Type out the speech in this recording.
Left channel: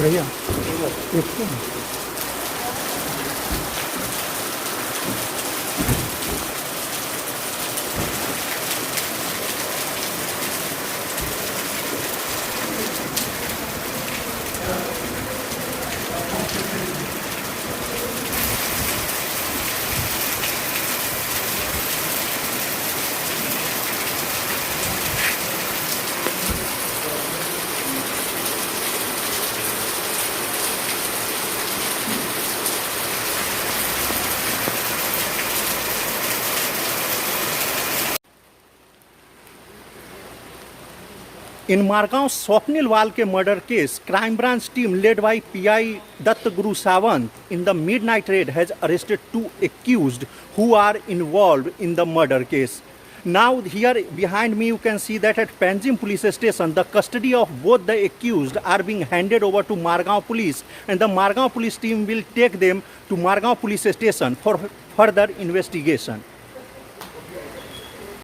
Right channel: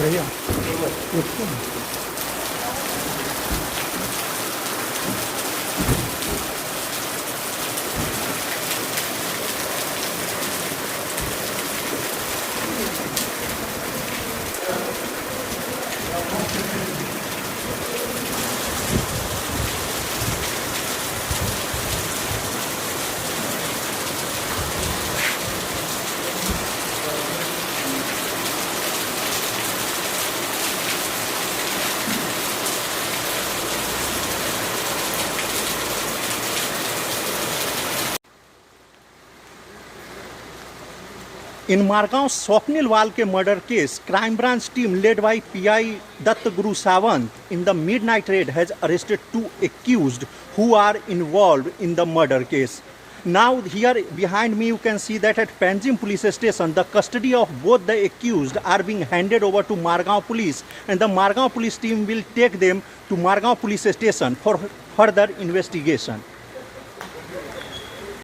भैया In Margao Swapnil Walke murder case, crime branch team led by PI Datt Guru Sawant in the midnight raid has arrested 2 accused who are involved in the murder case. Now here behind me you can see that at Panjim police station the custody of both the accused are being handed over to Margao police, and the Margao police team will take them to Margao police station for further investigation.